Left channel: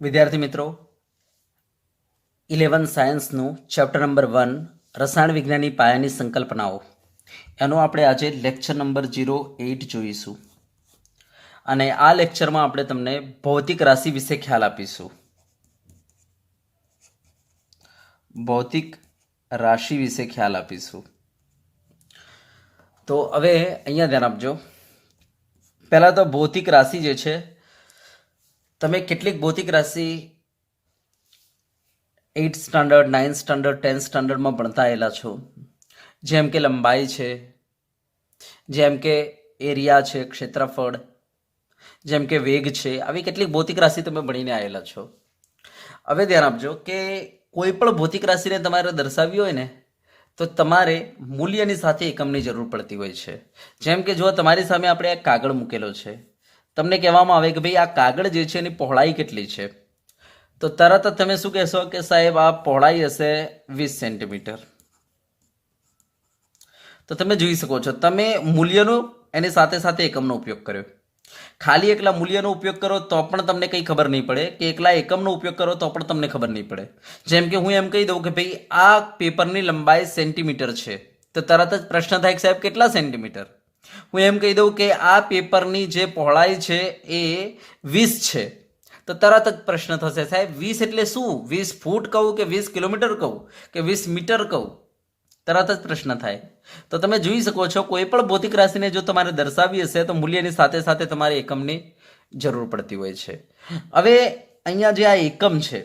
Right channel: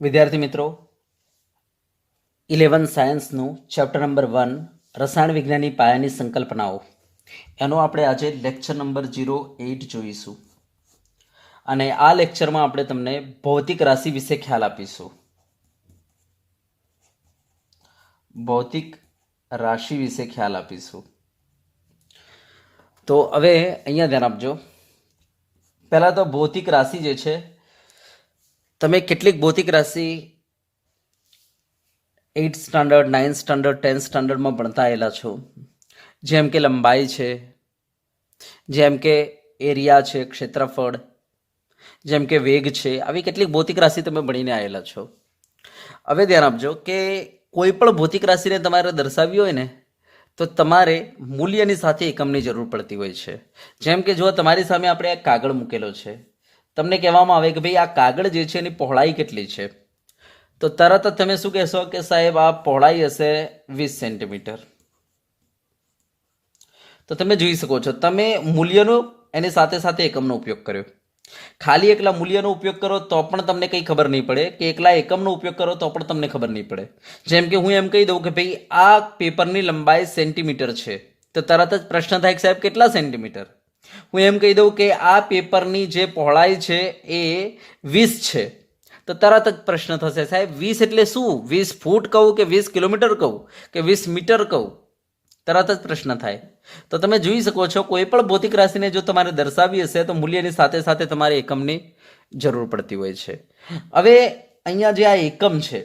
વિદ્યાર્થી મિત્રો 11 સાયન્સનું chapter number 1 રસાયણ વિજ્ઞાનની પાયાની સંકલ્પનાઓ એનો આપણે આજે લેક્ચર નંબર 08 જોઈશું અને આ લેક્ચરમાં આપણે તમને ભૌતિક રાશિ વિશે ખ્યાલ આપીશું. ભૌતિક રાશિ વિશે ખ્યાલ આપીશું. તો હવે અહીંયા ધ્યાન આપજો. પહેલાં તો ભૌતિક રાશિ જે છે, તમે કેટલીક ભૌતિક રાશિ 8th standard 9th standard 10th સ્ટાન્ડર્ડમાં ભણતા આવેલા છો. જેમ કે લંબાઈ છે, જેમ કે એરિયા છે, ક્ષેત્રફળ, જેમ કે વેગ છે, આવી કેટલીક ભૌતિક રાશિ તમે ભણીને આવેલા છો. હવે ધ્યાન આપજો કે કોઈ પણ ભૌતિક રાશિને તમારે દર્શાવવી હોય ને તો તમારે મૂલ્યની સાથે એકમની જરૂર પડતી હોય છે. જેમ કે જો તમારી સામે આપણે એક કાગળ મૂકેલો છે, તમને કહેવામાં આવે કે ભાઈ આ કાગળ જે છે એની પહોળાઈ કેટલી છે, તો તરત જ તમે શું કહેશો કે સાહેબ આ પહોળાઈ હશે 20 સેન્ટીમીટર. તો તમે જોઈ શકો છો તમે મૂલ્યનો એની સાથે સાથે એકમનો ઉપયોગ કર્યો. ખાલી એકલા મૂલ્યનો ઉપયોગ કરો તો પણ તમને કંઈ ખબર નહીં પડે, કે એકલા એકમનો ઉપયોગ કરો તો પણ તમને ખબર નહીં પડે. જેમ કે હું એમ કહી દઉં કે ભાઈ આ પેપરની લંબાઈ સેન્ટીમીટર છે, તો તરત જ પ્રશ્ન થાય કે સાહેબ કેટલા સેન્ટીમીટર. હું એમ કહી દઉં કે આ પેપરની જે પહોળાઈ છે એ 20 છે, તો તરત જ પ્રશ્ન થશે સાહેબ 20 એટલે શું? 20 ફૂટ કહું કે 20 કિલોમીટર કહું કે 20 મીટર કહું? તરત જ પ્રશ્ન થાય. તો તમે જોઈ શકો છો કોઈ પણ ભૌતિક રાશિને જો તમારે દર્શાવવી હશે તો મૂલ્યની સાથે સાથે તમારે એકમની જરૂર પડતી હોય છે. હવે અહીંયા જે આ એકમ છે,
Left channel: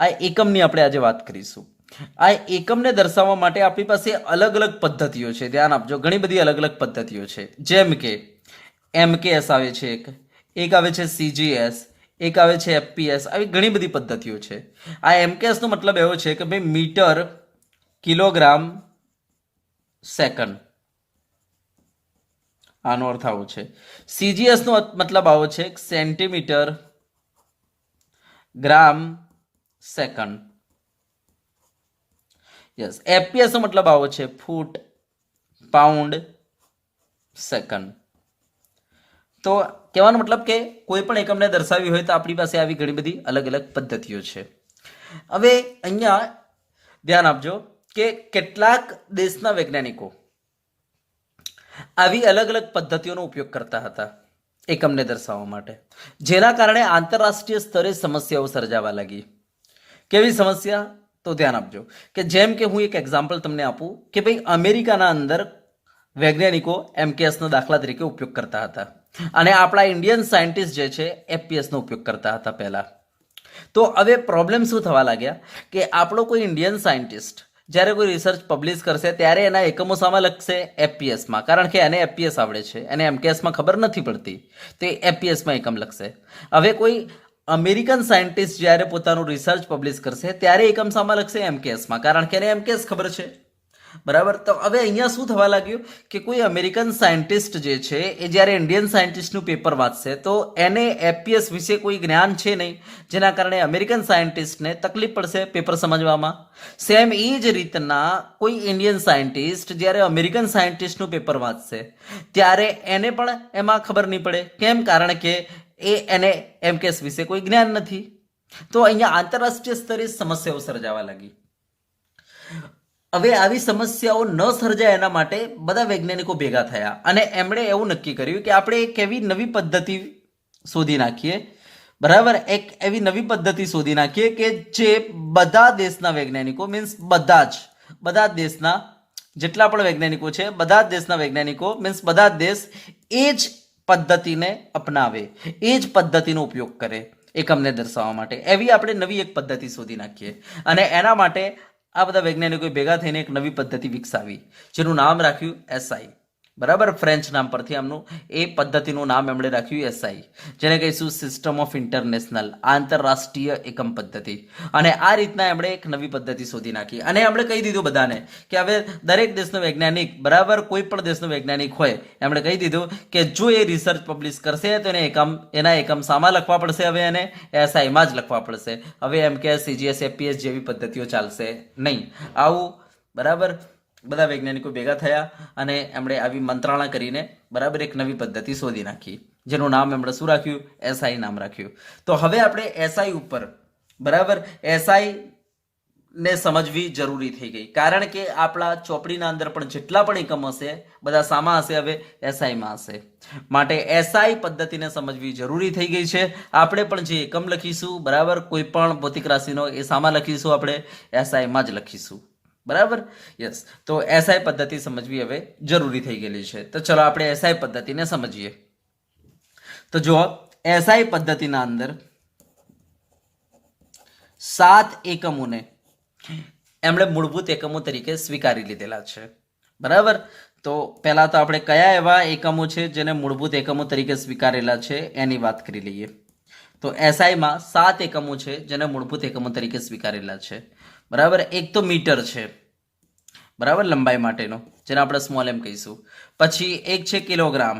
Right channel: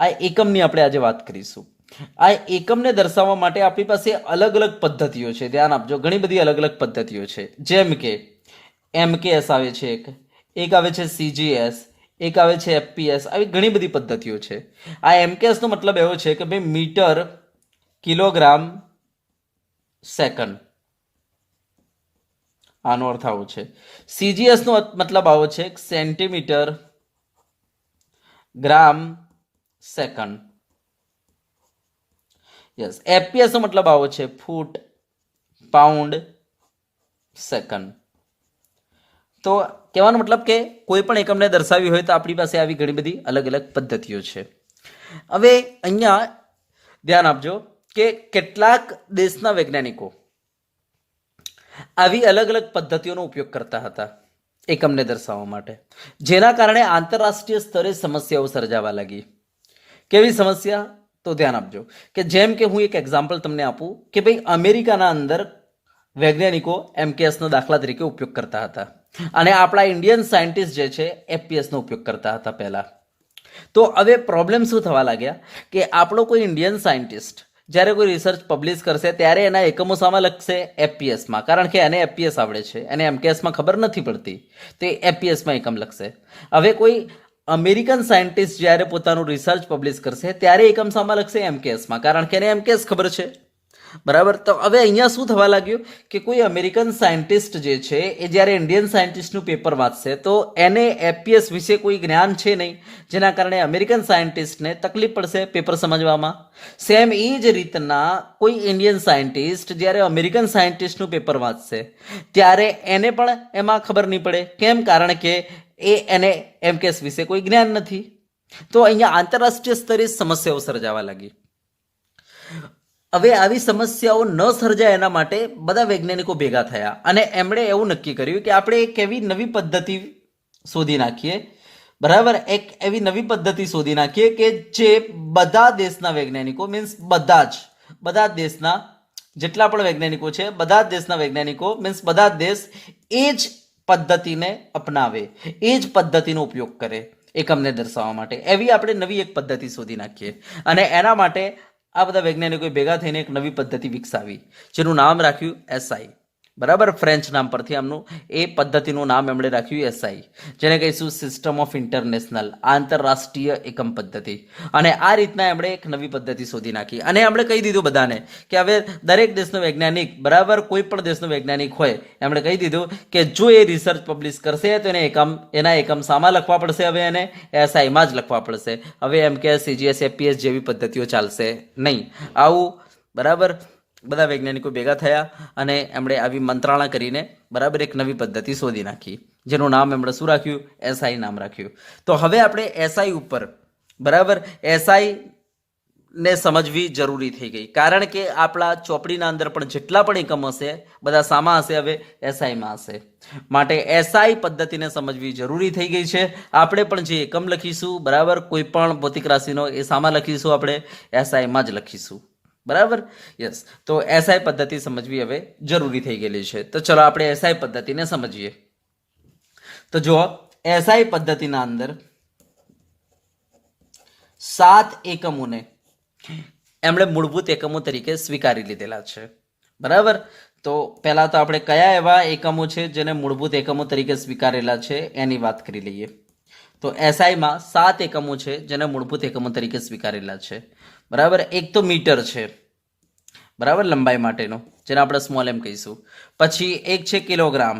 આ એકમની આપણે આજે વાત કરીશું. આ એકમને દર્શાવવા માટે આપણી પાસે અલગ અલગ પદ્ધતિઓ છે. ધ્યાન આપજો, ઘણી બધી અલગ અલગ પદ્ધતિઓ છે. જેમ કે MKS આવે છે, એક આવે છે CGS, એક આવે છે FPS. આવી ઘણી બધી પદ્ધતિઓ છે. આ MKS નો મતલબ એવો છે કે ભાઈ મીટર, કિલોગ્રામ, સેકન્ડ, આનો અર્થ આવો છે. CGS નો મતલબ આવો છે સેન્ટીમીટર, ગ્રામ, સેકન્ડ. યસ, FPS નો મતલબ આવો છે ફૂટ, પાઉન્ડ, સેકન્ડ. તો કહેવાનો મતલબ કે કોઈ પણ એકમને દર્શાવી હોય તો આપણી પાસે આવી ઘણી બધી અલગ અલગ પદ્ધતિઓ છે. હવે અહીંયા ધ્યાન આપજો કે કેટલાક દેશના વૈજ્ઞાનિકો આવી અલગ અલગ પદ્ધતિઓનો ઉપયોગ કરતા હતા એકમને દર્શાવવા માટે, જેના કારણે આંતરરાષ્ટ્રીય સ્તરે સમસ્યાઓ સર્જાવા લાગી. કેવી સમસ્યા? તો ધ્યાન આપજો કે જેમ કે હું એક એક્ઝામ્પલ તમને આપું કે ભાઈ અમેરિકાના અંદર વૈજ્ઞાનિકો MKS નો દાખલા તરીકે ઉપયોગ કરતા હતા અને આપણા ઇન્ડિયન સાયન્ટિસ્ટ જે છે FPS નો ઉપયોગ કરતા હતા પહેલા. તો હવે પ્રોબ્લેમ શું થવા લાગ્યા કે આપણો કોઈ ઇન્ડિયન સાયન્ટિસ્ટ જ્યારે કોઈ રિસર્ચ પબ્લિશ કરશે ત્યારે એના એકમો સામે લખશે FPS માં, કારણ કે એને FPS આવડે છે, એને MKS માં ખબર નથી પડતી, તે FPS માં એકમ લખશે. હવે કોઈ અમેરિકન સાયન્ટિસ્ટ જ્યારે પોતાનું રિસર્ચ પબ્લિશ કરશે ત્યારે એકમ સામે લખશે MKS માં, કારણ કે એને MKS ખબર છે. બરાબર. તો હવે અહીંયા શું થવા લાગ્યું કે કોઈ અમેરિકન સાયન્ટિસ્ટ જે છે એ જ્યારે ઇન્ડિયન સાયન્ટિસ્ટનું પેપર વાંચશે તો એને FPS વિશે કોઈ જ્ઞાન છે નહીં, જેના કારણે અમેરિકન સાયન્ટિસ્ટને તકલીફ પડશે પેપર સમજવામાં. સેમ એ જ રીતના કોઈ ઇન્ડિયન સાયન્ટિસ્ટ જ્યારે અમેરિકન સાયન્ટિસ્ટનું પેપર વાંચશે ત્યારે એને પણ એમાં ખબર નહીં પડે. કેમ? કારણ કે એને MKS વિશે કોઈ જ્ઞાન નથી. તો અહીંયા આંતરરાષ્ટ્રીય સ્તરે સમસ્યાઓ સર્જાવા લાગી. હવે આવી સમસ્યાઓ ન સર્જાય એના માટે બધા વૈજ્ઞાનિકો ભેગા થયા અને એમણે એવું નક્કી કર્યું કે આપણે એક એવી નવી પદ્ધતિ શોધી નાખીએ. બરાબર, એક એવી નવી પદ્ધતિ શોધી નાખીએ કે જે બધા દેશના વૈજ્ઞાનિકો, મીન્સ બધા જ દેશના જેટલા પણ વૈજ્ઞાનિકો છે, બધા જ દેશના વૈજ્ઞાનિકો મીન્સ બધા જ દેશ એ જ પદ્ધતિને અપનાવે, એ જ પદ્ધતિનો ઉપયોગ કરે એકમને દર્શાવવા માટે. એવી આપણે નવી એક પદ્ધતિ શોધી નાખીએ અને એના માટે આ બધા વૈજ્ઞાનિકોએ ભેગા થઈને એક નવી પદ્ધતિ વિકસાવી, જેનું નામ રાખ્યું SI. બરાબર, ફ્રેન્ચ નામ પરથી આમનું એ પદ્ધતિનું નામ એમણે રાખ્યું SI, જેને કહીશું સિસ્ટમ ઓફ ઇન્ટરનેશનલ, આંતરરાષ્ટ્રીય એકમ પદ્ધતિ. અને આ રીતના એમણે એક નવી પદ્ધતિ શોધી નાખી અને એમણે કહી દીધું બધાને કે હવે દરેક દેશનો વૈજ્ઞાનિક, બરાબર, કોઈ પણ દેશનો વૈજ્ઞાનિક હોય, એમણે કહી દીધું કે જો એ રિસર્ચ પબ્લિશ કરશે તો એના એકમ સામા લખવા પડશે. હવે એને SI માં જ લખવા પડશે. હવે MKS, CGS, FPS જેવી પદ્ધતિઓ ચાલશે નહીં. આવું, બરાબર, બધા વૈજ્ઞાનિકો ભેગા થયા અને એમણે આવી મંત્રણા કરીને બરાબર એક નવી પદ્ધતિ શોધી નાખી. જેનું નામ એમણે શું રાખ્યું? એસઆઈ નામ રાખ્યું. તો હવે આપણે એસઆઈ ઉપર, બરાબર, એસઆઈ ને સમજવી જરૂરી થઈ ગઈ, કારણ કે આપણા ચોપડીના અંદર પણ જેટલા પણ એકમ હશે બધા સામા હશે, હવે એસઆઈમાં હશે. માટે એસઆઈ પદ્ધતિને સમજવી જરૂરી થઈ ગઈ છે. આપણે પણ જે એકમ લખીશું, બરાબર, કોઈ પણ ભૌતિક રાશિનો, એ સામા લખીશું, આપણે એસઆઈમાં જ લખીશું. બરાબર, યસ. તો એસઆઈ પદ્ધતિ સમજવી હવે જરૂરી થઈ ગયેલી છે. તો ચલો આપણે એસઆઈ પદ્ધતિને સમજીએ. તો જો એસઆઈ પદ્ધતિના અંદર 7 એકમોને એમણે મૂળભૂત એકમો તરીકે સ્વીકારી લીધેલા છે. બરાબર, તો પહેલા તો આપણે કયા એવા એકમો છે જેને મૂળભૂત એકમો તરીકે સ્વીકારેલા છે એની વાત કરી લઈએ. તો એસઆઈમાં 7 એકમો છે જેને મૂળભૂત એકમો તરીકે સ્વીકારેલા છે. બરાબર, એક તો મીટર છે, બરાબર, લંબાઈ માટેનો, જેને આપણે સ્મોલ એમ કહીશું. પછી એક છે કિલોગ્રામ,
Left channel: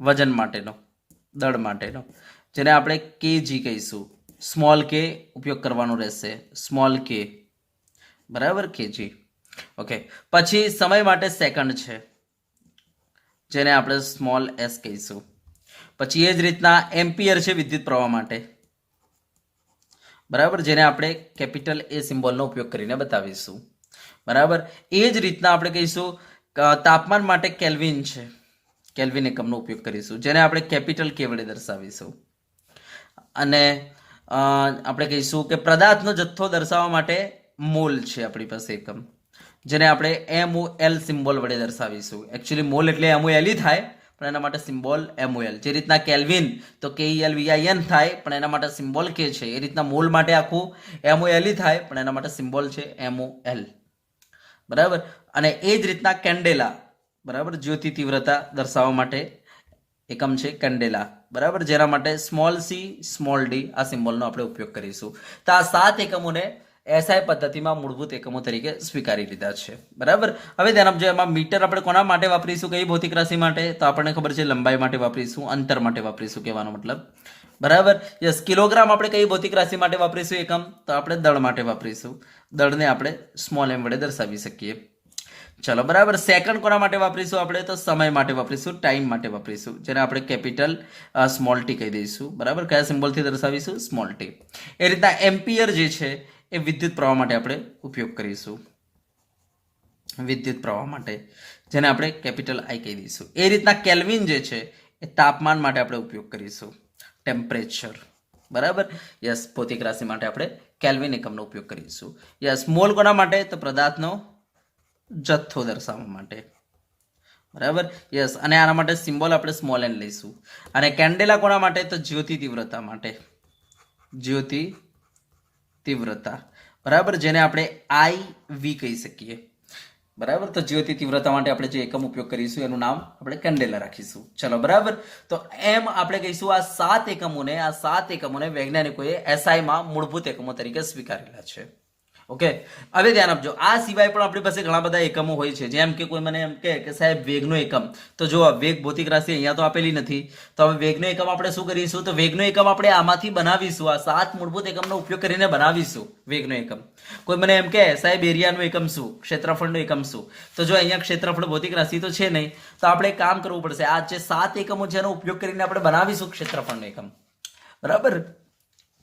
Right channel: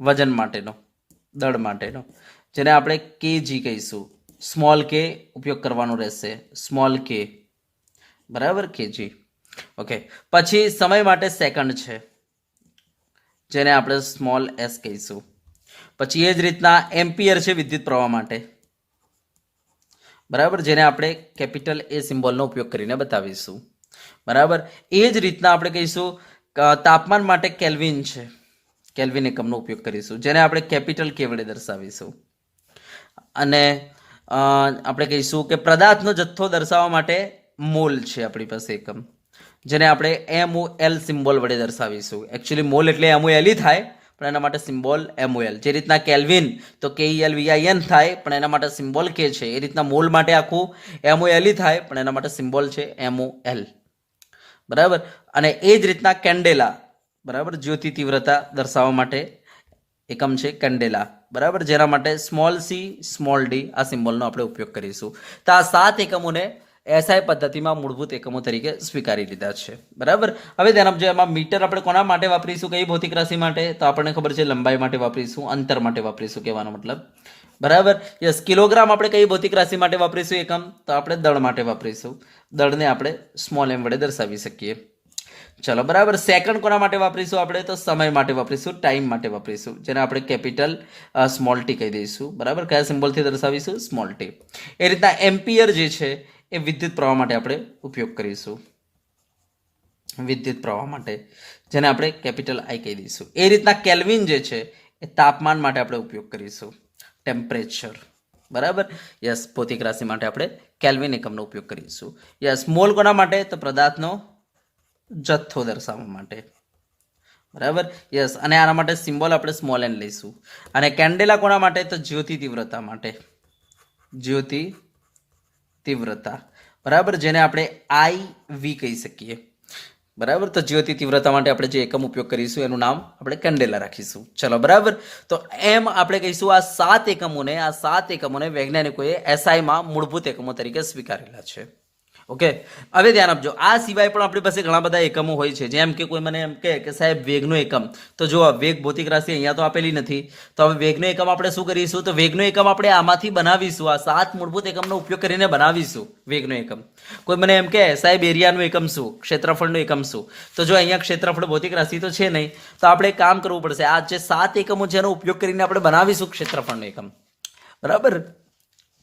વજન માટેનો, દળ માટેનો, જેને આપણે કેજી કહીશું. સ્મોલ કે ઉપયોગ કરવાનો રહેશે, સ્મોલ કે, બરાબર, કેજી. ઓકે. પછી સમય માટે સેકન્ડ છે, જેને આપણે સ્મોલ એસ કહીશું. પછી એ જ રીતના એમ્પિયર છે વિદ્યુત પ્રવાહ માટે, બરાબર, જેને આપણે કેપિટલ એ સિમ્બોલનો ઉપયોગ કરીને બતાવીશું. બરાબર, એ જ રીતના આપણે કહીશું તાપમાન માટે કેલ્વિન છે, કેલ્વિન એકમનો ઉપયોગ કરીશું, જેને આપણે કેપિટલ કે વડે દર્શાવીશું. અને આપણે કહીશું કે પદાર્થનો જથ્થો દર્શાવવા માટે મોલ છે આપણી પાસે એકમ, જેને આપણે MOL સિમ્બોલ વડે દર્શાવીશું. એકચ્યુઅલી મોલ એટલે MOL થાય, પણ એના માટે સિમ્બોલ MOL. જે રીતના કેલ્વિન તો KELVIN થાય, પણ એના માટે સિમ્બોલ કે છે. એ રીતના મોલ માટે આખું MOL થાય, પણ એના માટે સિમ્બોલ છે MOL. બરાબર. અને એ જ રીતના કેન્ડેલા, બરાબર, જ્યોતિ તીવ્રતા દર્શાવવા માટે એકમ છે કેન્ડેલા, બરાબર, જેના માટે સ્મોલ સી સ્મોલ ડી આ સિમ્બોલનો આપણે ઉપયોગ કરીશું. તો આ 7 એકમોને એસઆઈ પદ્ધતિમાં મૂળભૂત એકમો તરીકે સ્વીકારી લીધા છે. બરાબર. હવે ધ્યાન આપજો, એમાં મીટર આપણે કોના માટે વાપરીશું, કઈ ભૌતિક રાશિ માટે? તો આપણને ખબર છે લંબાઈ માટે વાપરીશું, અંતર માટે વાપરીશું, કહેવાનો મતલબ. બરાબર, યસ. કિલોગ્રામ આપણે કઈ ભૌતિક રાશિ માટે વાપરીશું એકમ? તો આપણે દળ માટે વાપરીશું. દળને આપણે સ્મોલ એમ વડે દર્શાવી શકીએ. ચલો, બરાબર. સેકન્ડ કોના માટે વાપરીશું આપણે? તો સમય માટે વાપરીશું, ટાઈમ માટે વાપરીશું, જેને આપણે કેપિટલ સ્મોલ ટી કહી દઈશું. બરાબર, કયા સિમ્બોલથી દર્શાવીશું? Small T. એ રીતના એમ્પિયર જે છે એ વિદ્યુત પ્રવાહ માટે આપણે ઉપયોગ કરીશું, વિદ્યુત પ્રવાહ માટે, જેને આપણે કેપિટલ આઈ કહી દઈશું. એ રીતના કેલ્વિન જે છે એ તાપમાન માટે આપણે ઉપયોગ કરીશું, ટેમ્પરેચર. બરાબર, યસ. ભૌતિક રાશિ માટે આપણે કેલ્વિન એકમનો ઉપયોગ કરીશું. યસ. મોલ કોના માટે? તો પદાર્થનો જથ્થો દર્શાવવા માટે. બરાબર, યસ. અને આના માટે સિમ્બોલ આપણે સ્મોલ એન લઈશું. અને કેન્ડેલા કોના માટે? તો જ્યોતિ તીવ્રતા માટે, જ્યોતિ તીવ્રતા, બરાબર, જેને આપણે IV કહી શકીએ. બરાબર, તો જ્યોતિ તીવ્રતા માટે આપણે જે એકમ ઉપયોગ કરીશું એનું નામ આપણે કેન્ડેલા રાખીશું. ચલો, બરાબર. તો એમ આપણે કહીશું આ 7 એકમોને વૈજ્ઞાનિકોએ એસઆઈમાં મૂળભૂત એકમો તરીકે સ્વીકારેલા છે. ઓકે. હવે ધ્યાન આપજો, આ સિવાય પણ આપણી પાસે ઘણા બધા એકમો હોય છે. જેમ કે કોઈ મને એમ કહે કે સાહેબ વેગનો એકમ, તો જો વેગ ભૌતિક રાશિ અહીંયા તો આપેલી નથી, તો હવે વેગનો એકમ આપણે શું કરીશું? તો વેગનો એકમ આપણે આમાંથી બનાવીશું, આ 7 મૂળભૂત એકમનો ઉપયોગ કરીને બનાવીશું વેગનો એકમ. કોઈ મને એમ કહે સાહેબ એરિયાનું એકમ શું, ક્ષેત્રફળનું એકમ શું? તો જો અહીંયા ક્ષેત્રફળ ભૌતિક રાશિ તો છે નહીં, તો આપણે એક કામ કરવું પડશે, આ જે 7 એકમો છે એનો ઉપયોગ કરીને આપણે બનાવીશું ક્ષેત્રફળનું એકમ. બરાબર.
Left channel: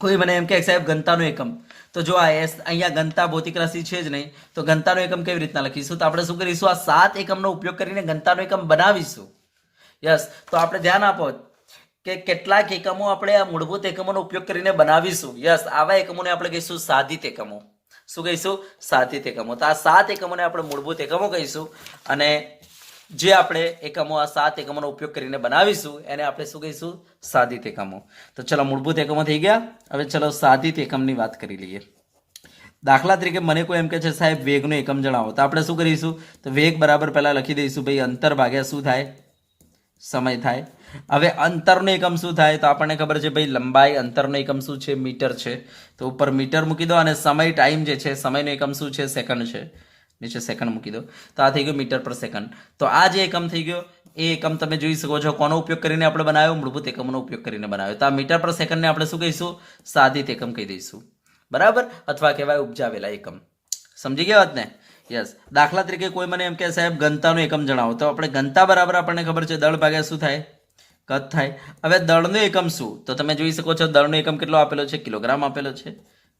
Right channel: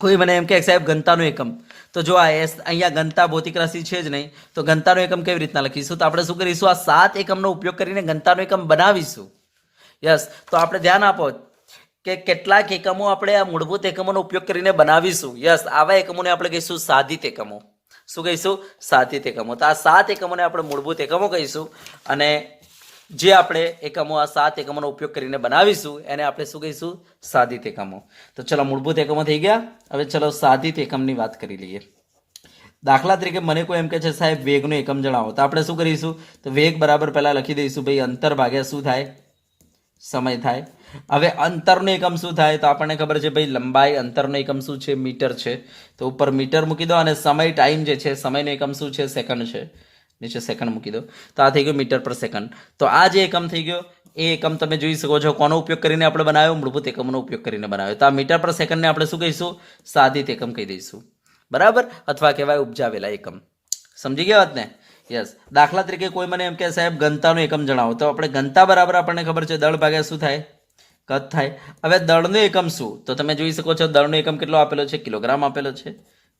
કોઈ મને એમ કે સાહેબ ઘનતાનો એકમ, તો જો આ અહીંયા ઘનતા ભૌતિક રાશિ છે જ નહીં, તો ઘનતાનો એકમ કેવી રીતના લખીશું? તો આપણે શું કરીશું? આ 7 એકમનો ઉપયોગ કરીને ઘનતાનો એકમ બનાવીશું. યસ. તો આપણે ધ્યાન આપો કે કેટલાક એકમો આપણે આ મૂળભૂત એકમોનો ઉપયોગ કરીને બનાવીશું. યસ. આવા એકમોને આપણે કહીશું સાધિત એકમો. શું કહીશું? સાધિત એકમો. તો આ 7 એકમોને આપણે મૂળભૂત એકમો કહીશું, અને જે આપણે એકમો આ 7 એકમોનો ઉપયોગ કરીને બનાવીશું એને આપણે શું કહીશું? સાધિત એકમો. તો ચલો, મૂળભૂત એકમો થઈ ગયા. હવે ચલો સાધિત એકમની વાત કરી લઈએ. દાખલા તરીકે મને કોઈ એમ કહે છે સાહેબ વેગનો એકમ જણાવો, તો આપણે શું કરીશું? તો વેગ બરાબર પહેલા લખી દઈશું ભાઈ, અંતર ભાગ્યા શું થાય? સમય થાય. હવે અંતરનો એકમ શું થાય? તો આપણને ખબર છે ભાઈ લંબાઈ, અંતરનો એકમ શું છે? મીટર છે. તો ઉપર મીટર મૂકી દો, અને સમય ટાઈમ જે છે સમયનો એકમ શું છે? સેકન્ડ છે, નીચે સેકન્ડ મૂકી દો. તો આ થઈ ગયું મીટર પર સેકન્ડ. તો આ જે એકમ થઈ ગયો એ એકમ તમે જોઈ શકો છો કોનો ઉપયોગ કરીને આપણે બનાવ્યો? મૂળભૂત એકમનો ઉપયોગ કરીને બનાવ્યો. તો આ મીટર પર સેકન્ડને આપણે શું કહીશું? સાધિત એકમ કહી દઈશું. બરાબર, અથવા કહેવાય ઉપજાવેલા એકમ. સમજી ગયા વાત ને? યસ. દાખલા તરીકે કોઈ મને એમ કે સાહેબ ઘનતાનો એકમ જણાવો, તો આપણે ઘનતા બરાબર આપણને ખબર છે દળ ભાગ્યા શું થાય? કદ થાય. હવે દળનો એકમ શું? તો તમે જોઈ શકો છો દળનો એકમ કેટલો આપેલો છે? કિલોગ્રામ આપેલો છે,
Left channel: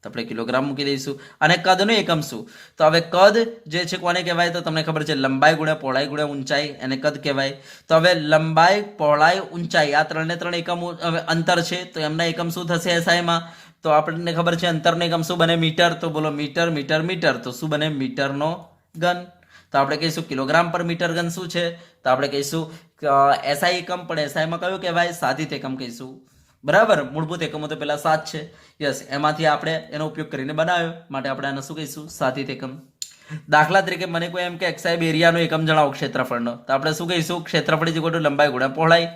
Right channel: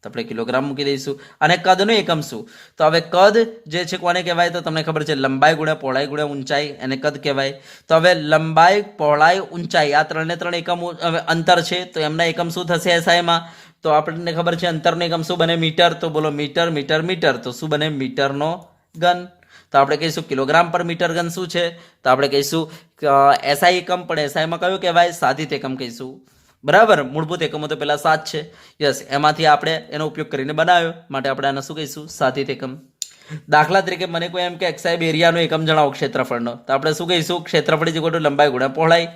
તો આપણે કિલોગ્રામ મૂકી દઈશું. અને કદનો એકમ શું? તો હવે કદ જે છે કોને કહેવાય? તો તમને ખબર છે લંબાઈ ગુણ્યા પહોળાઈ ગુણ્યા ઊંચાઈ, એને કદ કહેવાય. તો હવે લંબાઈ, પહોળાઈ, ઊંચાઈ આ ત્રણે ત્રણ એકમ હવે અંતર છે, તો એમના એકમ શું થશે એસઆઈમાં? તો આપણને ખબર છે અંતરનો એકમ શું બને? મીટર. તો બોલો મીટર મીટર મીટર, તો શું બને? મીટરનો ઘન. તો આપણે કહીશું કિલોગ્રામ પર મીટર ઘન શું છે? તો આપણે કહીશું એસઆઈ એકમ, પણ એસઆઈમાં કયું કહેવાય? સાધિત એકમ કહીશું. બરાબર, મૂળભૂત એકમો તો પેલા 7 છે. યસ, એમાંથી આપણે એનો ઉપયોગ કરીને બનાવ્યો, માટે આપણે આને શું કહીશું? સાધિત એકમ. દાખલા તરીકે મને કોઈ એમ કે એક્સાઇબ એરિયાનો એકમ જણાવો ક્ષેત્રફળનો, તો આપણે શું કહીશું? ક્ષેત્રફળ ઇઝ ઇક્વલ ટુ લંબાઈ ગુણ્યા પહોળાઈ.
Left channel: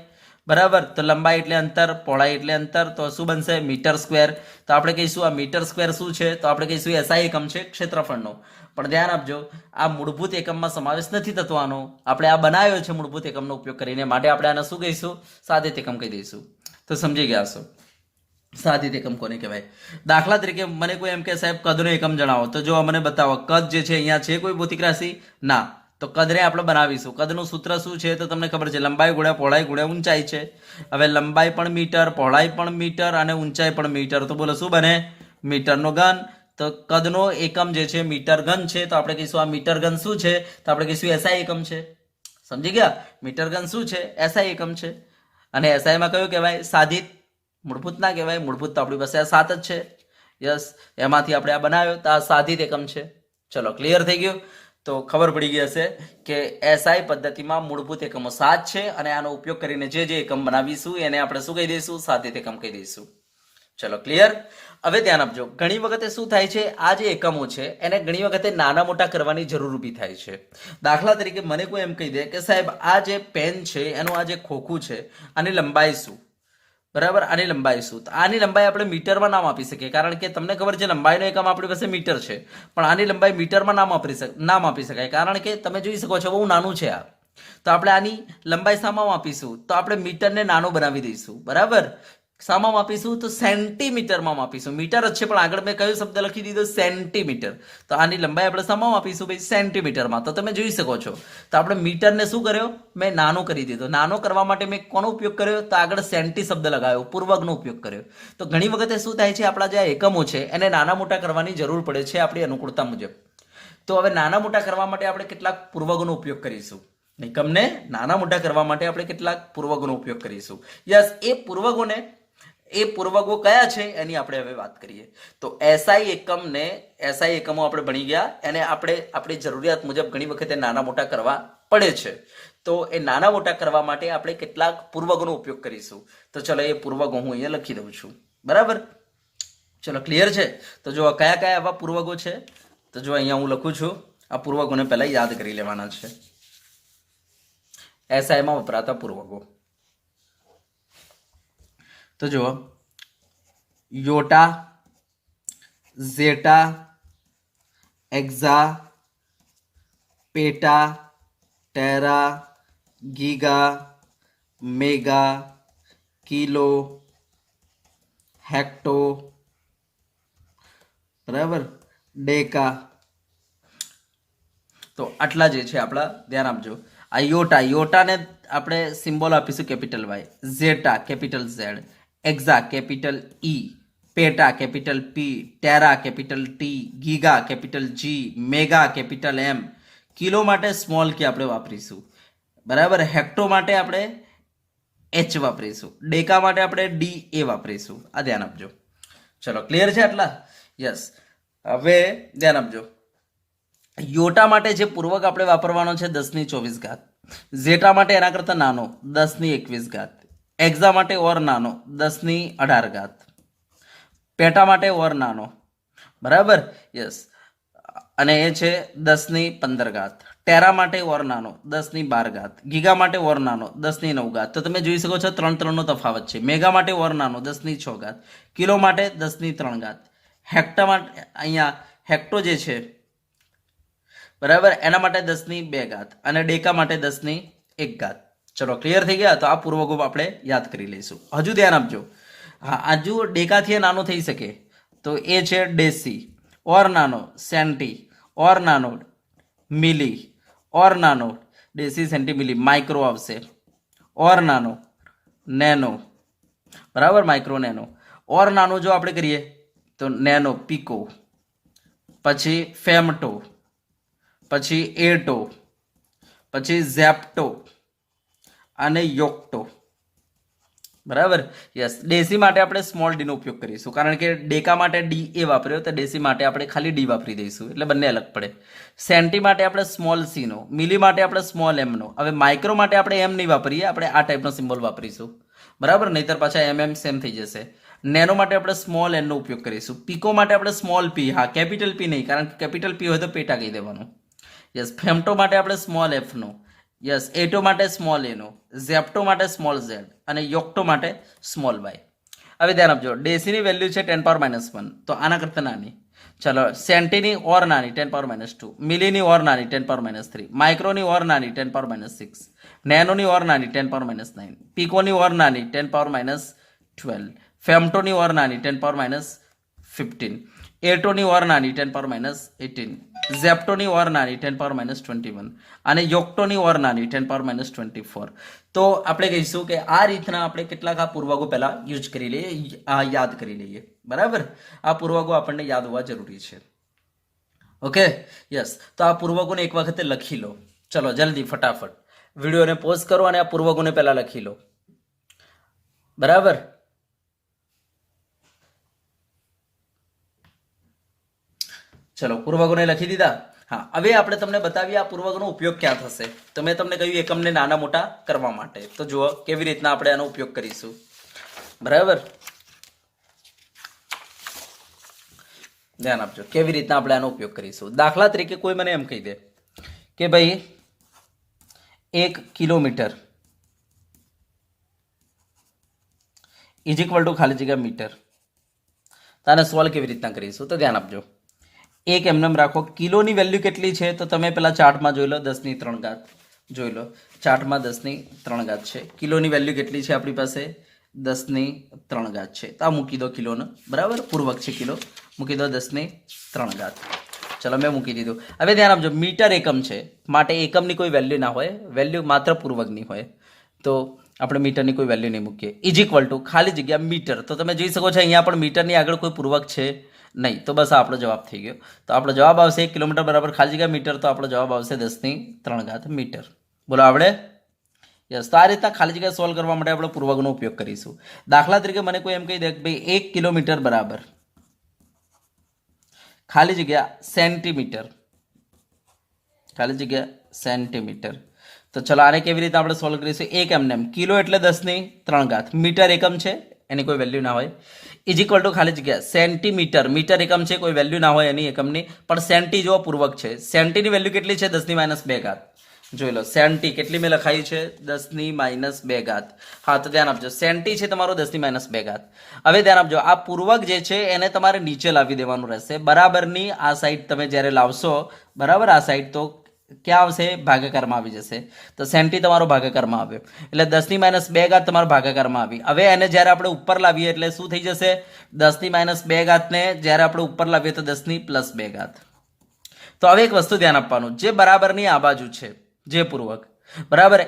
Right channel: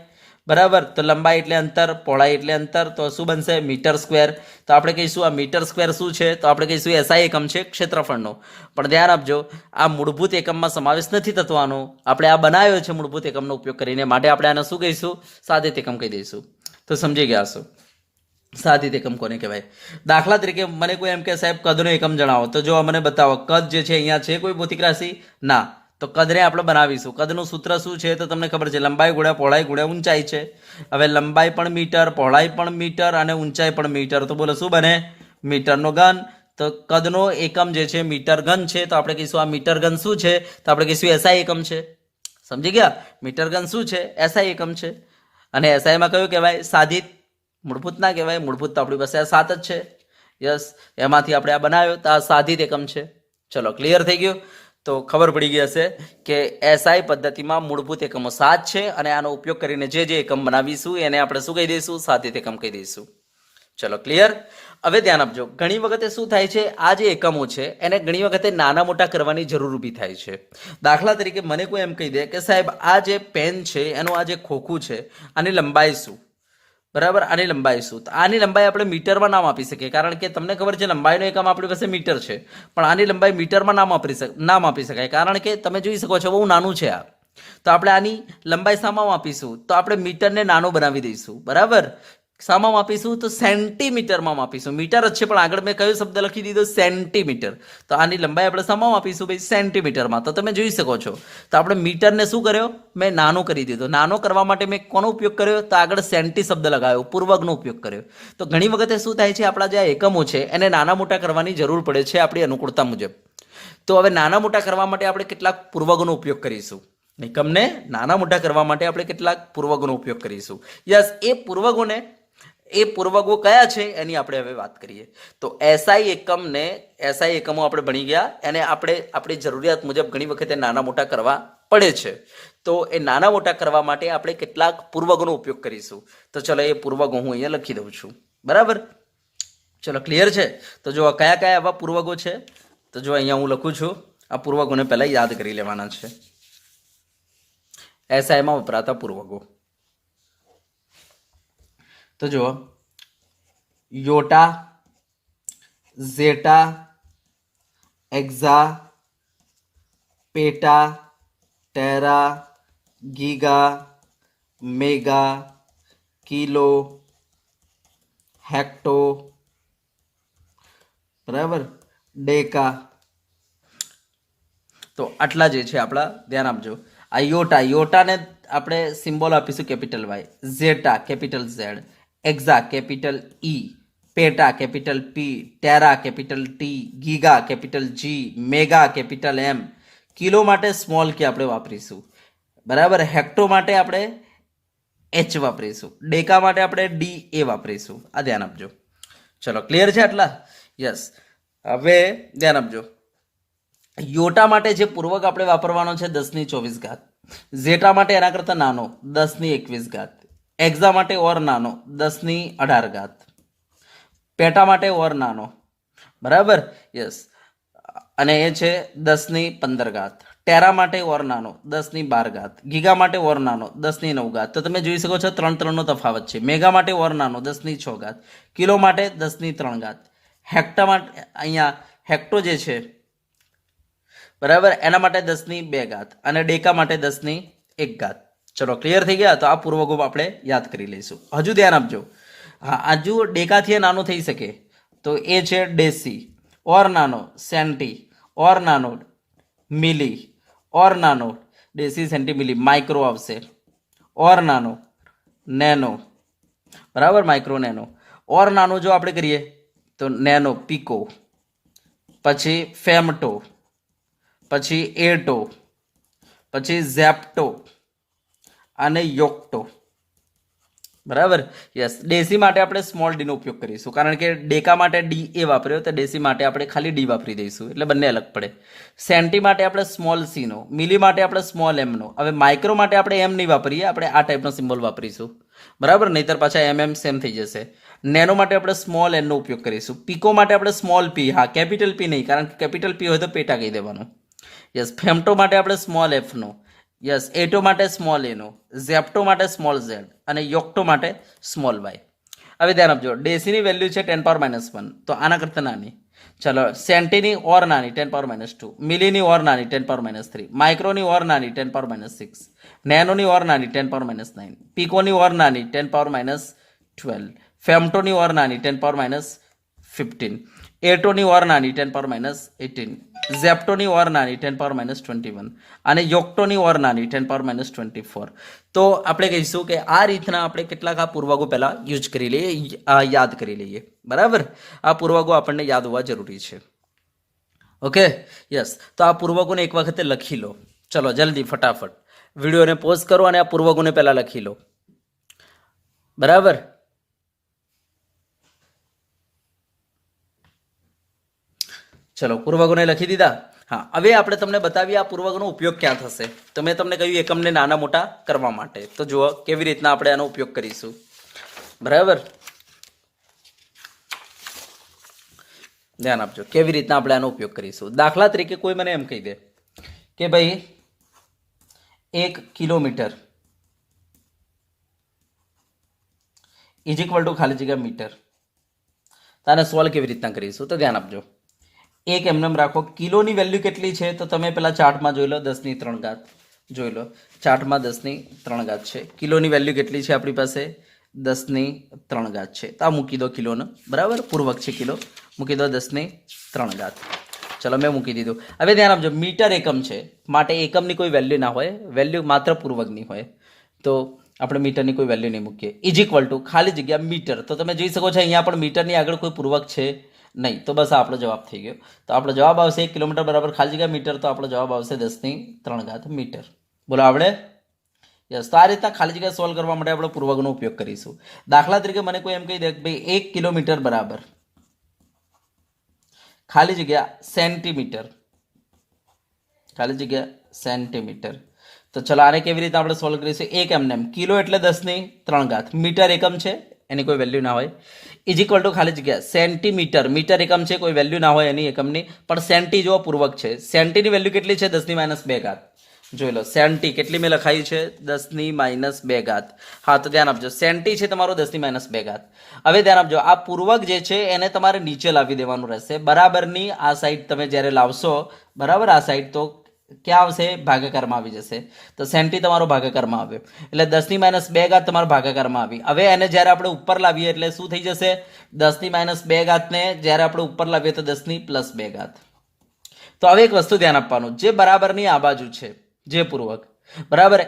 બરાબર, તો લંબાઈ એટલે અંતર, પહોળાઈ એટલે અંતર, તો શું બનશે? Metre square. તો આપણે કહીશું આ મીટર સ્ક્વેર શું છે? તો આપણે કહીશું એસઆઈ એકમ છે ક્ષેત્રફળનો. પણ ધ્યાન આપજો, આ મૂળભૂત એકમમાં સમાવેશ નથી થતો આનો. આપણે આ બનાવ્યો છે મૂળભૂત એકમનો ઉપયોગ કરીને, માટે આપણે આને શું કહીશું? સાધિત એકમ કહી દઈશું. તો સમજી ગયા હશો સાધિત એકમ કોને કહેવાય. દાખલા તરીકે મને કોઈ એમ કે સાહેબ કદનો એકમ જણાવો, તો જો મને બતાવો કદ જે છે અહીંયા છે કોઈ ભૌતિક રાશિ? ના. તો કદને આપણે બનાવીશું. કદનું સૂત્ર શું છે? તો તમને ખબર છે લંબાઈ ગુણ્યા પહોળાઈ ગુણ્યા ઊંચાઈ છે. હવે લંબાઈ પણ મીટર, પહોળાઈ પણ મીટર અને ઊંચાઈ પણ મીટર, તો બોલો શું બને? મીટરનો ઘન. તો કદનો એકમ જે છે મીટર ઘન છે, તો આપણે કહીશું આ મીટર ઘન શું છે? તો આપણે કહીશું એસઆઈ એકમ છે. સમજી ગયા? મીટર ઘન શું છે? એસઆઈ એકમ છે. અને એસઆઈમાં કયું કહેવાય? સાધિત. મૂળભૂત ના કહેવાય, મૂળભૂત તો આપણી પાસે આ 7 જ છે. યસ, એમાંથી આપણે આ બનાવ્યો તો આ સાધિત એકમ છે. ચલો, ક્લિયર થઈ ગયું? તો ખબર પડી ગઈ હશે કે એસઆઈ પદ્ધતિમાં મૂળભૂત એકમો 7 છે, અને આનો ઉપયોગ કરીને જે એકમ બનાવીશું એને આપણે શું કહી દઈશું? સાધિત એકમ કહી દઈશું. ચલો, ક્લિયર? હવે ધ્યાન આપજો, ઘણી વખતે શું થાય છે, આ જે એકમો છે એને ઘણી વખતે નાના મોટા કરવાની જરૂર ઊભી થાય છે. દાખલા તરીકે મને કોઈ એમ કહી દે કે સાહેબ આ જે પેન છે એનું આ જે ખોખું છે, આની લંબાઈ શું? બરાબર, આની લંબાઈ શું? તો આની લંબાઈ આપણે મીટરમાં નામ આપી શકીએ, કારણ કે તમને ખબર છે લંબાઈનો એકમ આપણી પાસે મીટર છે, પણ આની લંબાઈ મીટરમાં નામ આપી શકાય, કારણ કે તમે જોઈ શકો છો બહુ નાનું છે આ. તો આપણે આની લંબાઈ શામાં માપીશું? તો આપણે મીટરને નાનો બનાવી દઈશું. બરાબર, શામાં માપીશું? તો સેન્ટીમીટરમાં માપીશું. મીટર જ છે પણ આગળ મેં કયો શબ્દ લખી દીધો? સેન્ટીમીટર. તો આની લંબાઈ આપણે શામાં માપીશું ભાઈ? સેન્ટીમીટરમાં. તો તમે જોઈ શકો છો, તો આપણે મીટરને શું કર્યો? મેં નાનો કરી દીધો. નાનો કરવા માટે મેં કોનો ઉપયોગ કર્યો? તો આગળ સેન્ટી શબ્દ લગાવ્યો, પૂર્વકનો ઉપયોગ કર્યો. તો ઘણી વખતે શું થાય છે, આપણા જે એકમો છે એને નાના મોટા કરવાની જરૂર પડે છે આપણી અનુકૂળતા મુજબ. તો હવે નાના મોટા કરવા માટે આપણે કેટલાક પૂર્વકનો ઉપયોગ કરીશું. એકમને નાના મોટા કરવા માટે આપણે કેટલાક પૂર્વકોનો ઉપયોગ કરીશું. યસ, એ પૂર્વકો કયા છે એની આપણે હવે વાત કરીએ. તો એસઆઈ એકમો આપણે ભણી ગયા, એને આપણે આપણી જરૂરિયાત મુજબ ઘણી વખતે નાના મોટા કરવા પડે છે. તો એ નાના મોટા કરવા માટે આપણે કેટલાક પૂર્વકોનો ઉપયોગ કરીશું. તો ચલો, એ પૂર્વકો હું અહીંયા લખી દઉં છું. બરાબર, ચલો, ક્લિયર છે? તો જો કયા કયા આવા પૂર્વકો છે, તો જો અહીંયા હું લખું છું. આ પૂર્વકોને પહેલા યાદ કરી લેવાના છે. એસઆઈમાં વપરાતા પૂર્વકો તો જુઓ, યોટા, ઝેટા, એક્ઝા, પેટા, Terra, giga, mega, kilo, hecto, બરાબર, ડેકા. તો આટલા જે છે આપણા, ધ્યાન આપજો. આ યોટાને આપણે સિમ્બોલ આપીશું capital Y, zetta capital Z, exa capital E, peta capital P, tera capital T, giga capital G, mega capital M, kilo માટે સ્મોલ કે આપણે વાપરીશું. બરાબર, હેક્ટો માટે આપણે એચ વાપરીશું, ડેકા માટે આપણે ડી એ વાપરીશું. આ ધ્યાન આપજો. ચલો, ક્લિયર છે આટલા? યસ. હવે ધ્યાન આપજો, યોટા માટે જે પૂર્વક આપણે વાપરવાનો છે 10⁻²4, ઝેટા માટે એના કરતા નાનો 10⁻21, એક્ઝા માટે ઓર નાનો 10⁻18, પેટા માટે ઓર નાનો, બરાબર, યસ, અને એ છે 10⁻15, ટેરા માટે ઓર નાનો 10⁻12, ગીગા માટે ઓર નાનો 10⁻9. તો તમે જોઈ શકો છો 3 નો તફાવત છે. મેગા માટે ઓર નાનો 10⁻6, કિલો માટે 10⁻3, હેક્ટા માટે અહીંયા હેક્ટો જે છે, બરાબર, એના માટે 10⁻2 અને ડેકા માટે 10⁻1. ચલો, ક્લિયર થઈ ગયા? તો આ પૂર્વકો આપણે યાદ કરી લઈશું. હજુ ધ્યાન આપજો, હા, હજુ ડેકાથી નાનો થઈ શકે તો એ છે ડેસી, ઓર નાનો સેન્ટી, ઓર નાનો મિલી, ઓર નાનો ડેસી સેન્ટી મિલી, માઇક્રો આવશે, ઓર નાનો નેનો, બરાબર, માઇક્રો નેનો. ઓર નાનો જો આપણે કરીએ તો નેનો પીકો, પછી ફેમટો, પછી એટો, પછી ઝેપ્ટો અને યોક્ટો. બરાબર. યસ, ડેસી માટે આપણે સ્મોલ ડી નો ઉપયોગ કરીશું, કારણ કે ડેકા માટે ડી એ વાપર્યો તો ડેસી માટે આપણે ખાલી ડી વાપરી દઈશું, એટલે બંને અલગ પડે. સેન્ટી માટે આપણે સ્મોલ સી નો, મિલી માટે આપણે સ્મોલ એમ નો. હવે માઇક્રો માટે આપણે એમ નહીં વાપરીએ, આપણે આ ટાઈપનો સિમ્બોલ વાપરીશું, બરાબર, નહીતર પાછા એમ સેમ થઈ જશે. નેનો માટે આપણે સ્મોલ એન નો ઉપયોગ કરીશું. પીકો માટે આપણે સ્મોલ પી, હા, કેપિટલ પી નહીં, કારણ કે કેપિટલ પી હોય તો પેટા કહી દેવાનું. યસ, ફેમટો માટે આપણે સ્મોલ એફ નો. યસ, એટો માટે સ્મોલ એનો, ઝેપ્ટો માટે સ્મોલ ઝેડ અને યોક્ટો માટે સ્મોલ વાય. હવે ધ્યાન આપજો, ડેસીની વેલ્યુ છે 10⁻⁻1, તો આના કરતાં નાની. ચલો, સેન્ટીની ઓર નાની 10⁻², મિલીની ઓર નાની 10⁻3, માઇક્રોની ઓર નાની 10⁻6, નેનોની ઓર નાની 10⁻9, પીકોની ઓર નાની 10⁻12, ફેમટોની ઓર નાની 10⁻15, એટોની ઓર નાની 10⁻18, ઝેપ્ટોની ઓર નાની 10⁻21 અને યોક્ટોની ઓર નાની 10⁻24. તો આપણે કહીશું કે આ રીતના આપણે કેટલાક આ પૂર્વકો પહેલા યુઝ કરી લઈએ, યાદ કરી લઈએ, બરાબર. આ પૂર્વકો આપણને યાદ હોવા જરૂરી છે. Okay, yes. તો આ પૂર્વકોને એક વખતે લખી લો. ચલો જલ્દી ફટાફટ વિડીયોને પોઝ કરો અને આ પૂર્વકોને પહેલા લખી લો, બરાબર. ચલો, પૂર્વકોને લખી દીધા. હા, હવે આપણે તમને બતાવીએ આ પૂર્વકનો ઉપયોગ ક્યાં થશે. તો મેં તમને કહ્યું એકમને નાના મોટા કરવા માટે. તો જુઓ કેવી રીતના આપણે આનો ઉપયોગ કરીશું, બરાબર. ધ્યાન આપજો કેવી રીતના આપણે આનો ઉપયોગ કરીશું. દાખલા તરીકે કોઈ મને એમ કહી દે કે ભાઈ 1 કિલોમીટર ઇઝ ઇક્વલ ટુ ખાલી જગ્યા મીટર. તો આને સોલ્વ કેવી રીતના કરીશું, તો ધ્યાન આપજો. એક એમને રાખો, કિલોની વેલ્યુ કેટલી છે તો તમે પેલા ચાર્ટમાં જોઈ લો, 10⁻³ જોઈ લો. ચાર્ટમાં 10⁻³ છે. કિલોની વેલ્યુ કેટલી છે આપણી પાસે? 10⁻³ છે. તો આ મૂકી દો કિલોને, બરાબર, પૂર્વક છે કિલો, મૂકી દો 10⁻³. ચલો, મેં મૂકી દીધું. હવે ધ્યાન આપજો, મીટર એકમ છે માટે એકમની કોઈ વેલ્યુ ના હોય, વેલ્યુ માત્ર પૂર્વકની હોય. તો આપણે મીટરની કોઈ વેલ્યુ નહીં મૂકીએ. ઇઝ ઇક્વલ ટુ ખાલી જગ્યા મીટર. તો તમે જોઈ શકો છો અહીંયા પણ મીટરની આગળ કોઈ પૂર્વક છે નહીં, તો બસ આપણો જવાબ થઈ ગયો. તો આપણો જવાબ આવશે 1 કિલોમીટર બરાબર ખાલી જગ્યા મીટર. તો આપણો જવાબ આવશે 10⁻³ મીટર. બોલો આવડે? યસ. તો આ રીતના ખાલી જગ્યા સોલ્વ કરવા માટે આપણે પૂર્વકનો ઉપયોગ કરીશું. દાખલા તરીકે મને કોઈ એમ કહી દે કે ભાઈ 1 કિલોમીટર બરાબર ખાલી જગ્યા સેન્ટીમીટર, ખાલી જગ્યા સેન્ટીમીટર. તો ચલો આને કેવી રીતે આપણે સોલ્વ કરીશું? એક એમને કિલો એટલે 10⁻³ મીટર એકમ છે, એની કોઈ વેલ્યુ ના હોય. ઇઝ ઇક્વલ ટુ ખાલી જગ્યા સેન્ટીમીટર, મીટર એકમ છે, કોઈ વેલ્યુ ના હોય એની એકમની, પણ સેન્ટી જો પૂર્વક છે. સેન્ટીની વેલ્યુ કેટલી છે? 10⁻². જોઈ લો સેન્ટી કેટલી મેં લખાઈ છે? 10⁻². હા, તો ધ્યાન આપજો, સેન્ટી છે તમારો 10⁻². હવે ધ્યાન આપજો, આ પૂર્વક જે છે એને તમારે નીચે લાવી દેવાનું રહેશે. બરાબરની આ સાઈડ તમે જ્યારે લાવશો, બરાબર, આ સાઈડ તો ક્યાં આવશે? ભાગાકારમાં આવી જશે. તો સેન્ટી તમારો ભાગાકારમાં આવ્યો એટલે 10⁻² તમારો ભાગાકારમાં આવી. હવે એને જ્યારે આપણે ઉપર લાવીએ એટલે શું થઈ જશે? 10⁻² ને જ્યારે આપણે ઉપર લાવીએ તો 10⁻+2. તો હવે એક વસ્તુ ધ્યાન આપવાનું, જે બરાબરની આ બાજુ છે, જે પૂર્વક, બરાબર,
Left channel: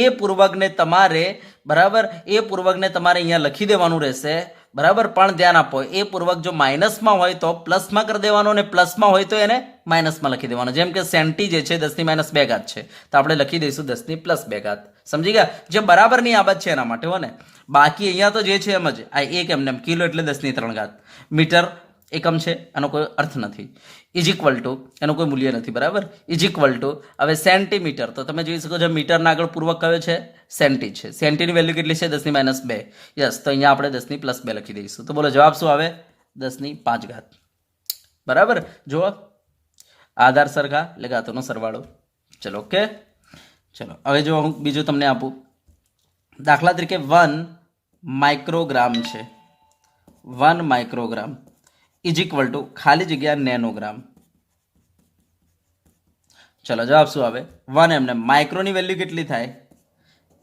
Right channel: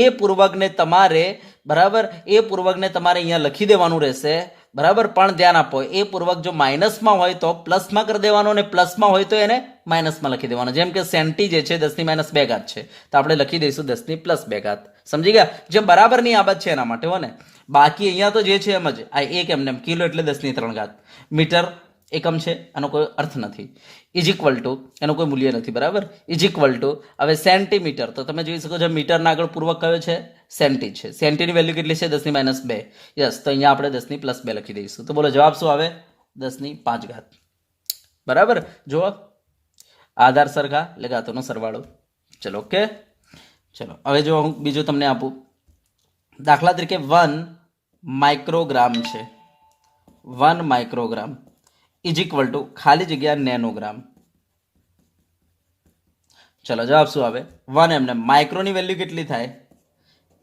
એ પૂર્વકને તમારે, બરાબર, એ પૂર્વકને તમારે અહીંયા લખી દેવાનું રહેશે, બરાબર. પણ ધ્યાન આપો, એ પૂર્વક જો માઇનસમાં હોય તો પ્લસમાં કરી દેવાનો, અને પ્લસમાં હોય તો એને માઇનસમાં લખી દેવાનો. જેમ કે સેન્ટી જે છે 10⁻² છે, તો આપણે લખી દઈશું 10⁻+2. સમજી ગયા? જે બરાબરની આ બાજુ છે એના માટે હો ને. બાકી અહીંયા તો જે છે એમ જ, આ એક એમને કિલો એટલે 10⁻³ મીટર એકમ છે, આનો કોઈ અર્થ નથી. ઇઝ ઇક્વલ ટુ એનું કોઈ મૂલ્ય નથી, બરાબર. ઇઝ ઇક્વલ ટુ હવે સેન્ટીમીટર, તો તમે જોઈ શકો છો મીટરના આગળ પૂર્વક કયો છે? સેન્ટી છે. સેન્ટીની વેલ્યુ કેટલી છે? 10⁻². યસ, તો અહીંયા આપણે 10⁻+2 લખી દઈશું. તો બોલો જવાબ શું આવે? 10⁻5. બરાબર. જુઓ આધાર સરખા એટલે ઘાતોનો સરવાળો. ચલો ઓકે. ચલો હવે જો હું બીજું તમને આપું, દાખલા તરીકે 1 માઇક્રોગ્રામ છે. 1 માઇક્રોગ્રામ ઇઝ ઇક્વલ ટુ ખાલી જગ્યા નેનોગ્રામ. ચલો જવાબ શું આવે? 1 એમને માઇક્રોની વેલ્યુ કેટલી થાય?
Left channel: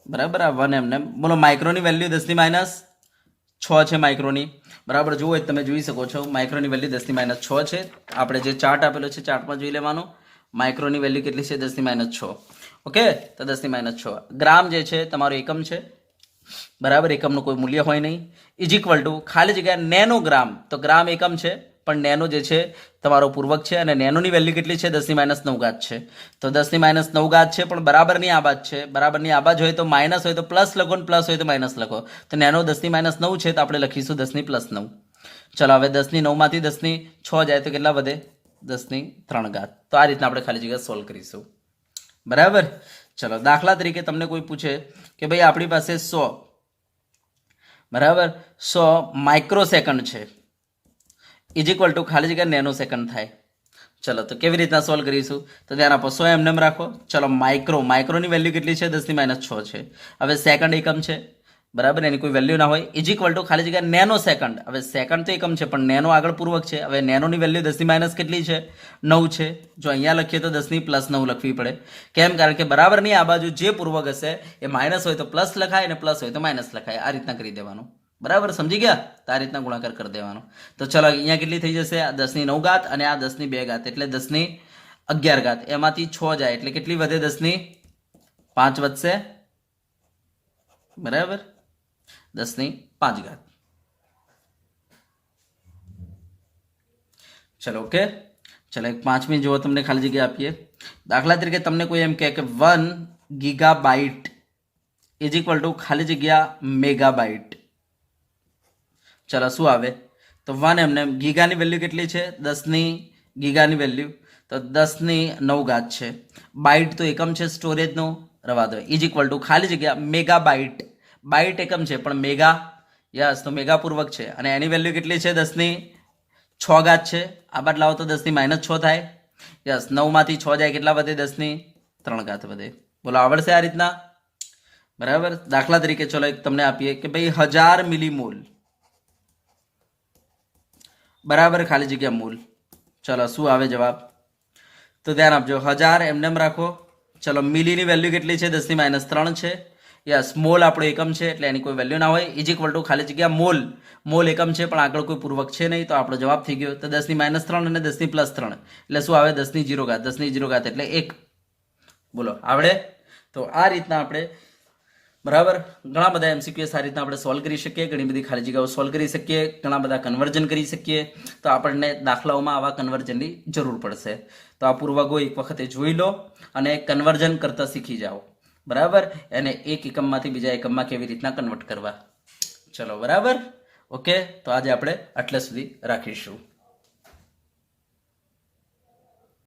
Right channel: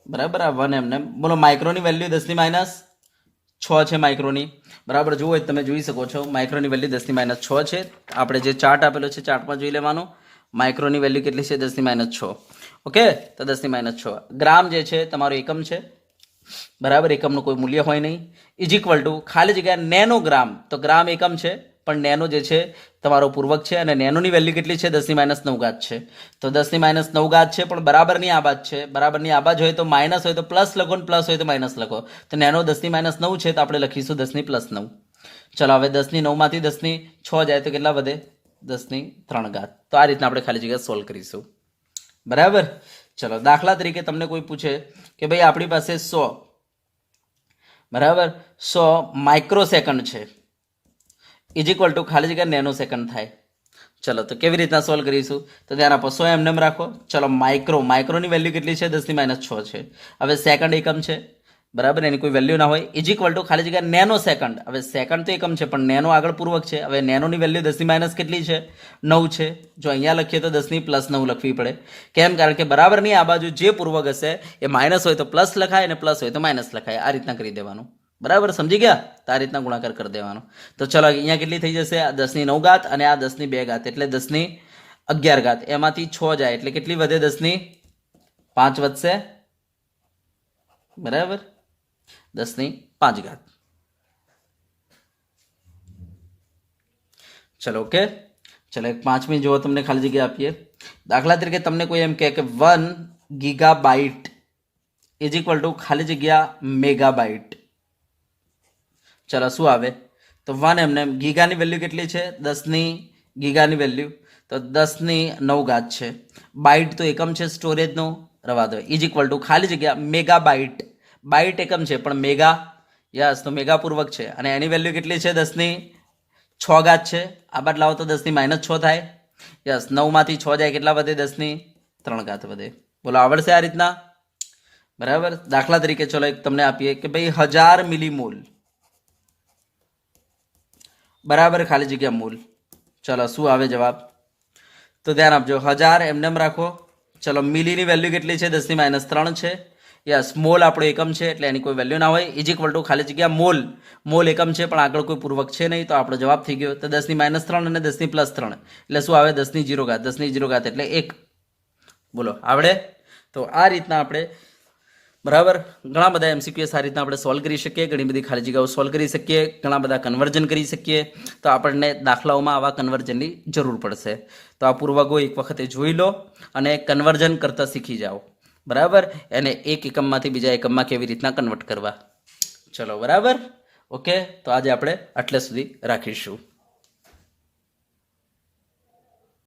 બરાબર, આ 1 એમને બોલો. માઇક્રોની વેલ્યુ 10⁻6 છે માઇક્રોની, બરાબર. જુઓ તમે જોઈ શકો છો માઇક્રોની વેલ્યુ 10⁻6 છે. આપણે જે ચાર્ટ આપેલો છે ચાર્ટમાં જોઈ લેવાનું. માઇક્રોની વેલ્યુ કેટલી છે? 10⁻6. ઓકે, તો 10⁻6. ગ્રામ જે છે તમારો એકમ છે, બરાબર, એકમનું કોઈ મૂલ્ય હોય નહીં. ઇઝ ઇક્વલ ટુ ખાલી જગ્યા નેનોગ્રામ, તો ગ્રામ એકમ છે પણ નેનો જે છે તમારો પૂર્વક છે, અને નેનોની વેલ્યુ કેટલી છે? 10⁻9 છે. તો 10⁻9 છે, પણ બરાબરની આ બાજ છે. બરાબરની આ બાજ હોય તો માઇનસ હોય તો પ્લસ લખો, ને પ્લસ હોય તો માઇનસ લખો. તો નેનો 10⁻9 છે, તો આપણે લખીશું 10+9. ચલો, હવે 10⁹ માંથી 10⁶ જાય તો કેટલા વધે? 10⁻3. તો આ રીતના આપણે ખાલી જગ્યા સોલ્વ કરીશું. બરાબર. ચલો, દાખલા તરીકે તમને કોઈ પૂછે કે ભાઈ આપણી પાસે 100, બરાબર, 100 માઇક્રોસેકન્ડ છે, ઇઝ ઇક્વલ ટુ ખાલી જગ્યા નેનો સેકન્ડ થાય. ચલો, તો કેવી રીતના સોલ્વ કરીશું? તો ધ્યાન આપો, 100 એમને રાખો. ચલો, માઇક્રોની વેલ્યુ કેટલી છે? 10⁻6 છે. હવે સેકન્ડ એકમ છે, બરાબર, એની કોઈ વેલ્યુ ના હોય. ઇઝ ઇક્વલ ટુ ખાલી જગ્યા નેનો સેકન્ડ. હવે સેકન્ડ તો એકમ છે પણ નેનો આગળ પૂર્વક છે. હવે નેનોની વેલ્યુ 10⁻ કેટલી છે? 9 છે. જો અહીંયા લખીએ તો 10⁻9 લખવી પડે. કેમ? કારણ કે બરાબરની આ બાજુ જે પૂર્વક હશે એ માઇનસ હોય તો પ્લસ લખાય, અને પ્લસ હોય તો માઇનસ લખાય. આ રીતના કરી દેવાનું. બરાબર, સમજી ગયા? તો આ રીતના ગુણાકાર કરી દેવાનો. તો ચલો, અહીંયા કેટલી થઈ જશે? આ 10⁹ અને આ 10⁵, એટલે 10⁻11. એમાંથી 6 જાય એટલે કેટલી વધે? 10⁵ વધશે. બરાબર, 10⁵. ચલો, ઓકે. ચલો, એક 5મી જુઓ, તમને ખાલી જગ્યા આપીએ. દાખલા તરીકે તમને કોઈ એમ કહે કે 1 ગીગાબાઇટ ઇઝ ઇક્વલ ટુ ખાલી જગ્યા મેગાબાઇટ. ચલો, શું આવે? તો 1 એમને ગીગાની વેલ્યુ કેટલી છે? 10 ગીગાની વેલ્યુ તો 10⁹ છે. બાઇટ તો એકમ છે સ્ટોરેજનો, રવા દો. ઇઝ ઇક્વલ ટુ ખાલી જગ્યા મેગાબાઇટ. બાઇટ એકમ છે પણ મેગા, યસ, તો મેગા પૂર્વક છે, અને એની વેલ્યુ કેટલી છે? 10⁶ છે. આ બાદ લાવો તો 10⁻6 થાય. યસ, 9 માંથી 6 જાય કેટલા વધે? 10⁻3 વધે. બોલો, આવડશે આ રીતના? બરાબર. દાખલા તરીકે ચલો એક તમને આપીએ કે ભાઈ 1000 મિલીમોલ, બરાબર, ખાલી જગ્યા મોલ. ચલો, શું આવે જવાબ? તો ધ્યાન આપજો, 1000 એમને રાખો. ચલો, મિલીની વેલ્યુ કેટલી છે? 10⁻3 છે. યસ, મોલ આપણો એકમ છે એટલે એની કોઈ વેલ્યુ ના હોય. ઇઝ ઇક્વલ ટુ ખાલી જગ્યા મોલ એકમ છે પણ આગળ કોઈ પૂર્વક છે નહીં, તો આપણો જવાબ થઈ ગયો. તો 10⁻3 અને 10⁻3 એટલે શું આવે? 10⁻0. 10⁻0 એટલે 1. બોલો, આવડે? તો આ રીતના આપણે, બરાબર, ઘણા બધા MCQs આ રીતના આપણે સોલ્વ કરી શકીએ. ઘણી બધી ખાલી જગ્યાઓ સોલ્વ કરી શકીએ. ઘણા બધા કન્વર્જન કરી શકીએ. તો આપણને દાખલાઓમાં આવા કન્વર્જનની જરૂર પડશે. તો આ પૂર્વકો એક વખતે જોઈ લો અને કન્વર્જન કરતા શીખી જાઓ. બરાબર, એને એક એકમમાંથી બીજા એકમમાં કેવી રીતના કન્વર્ટ કરવા. ચલો, બરાબર, ઓકે. તો આજે આપણે આટલે સુધી રાખીશું.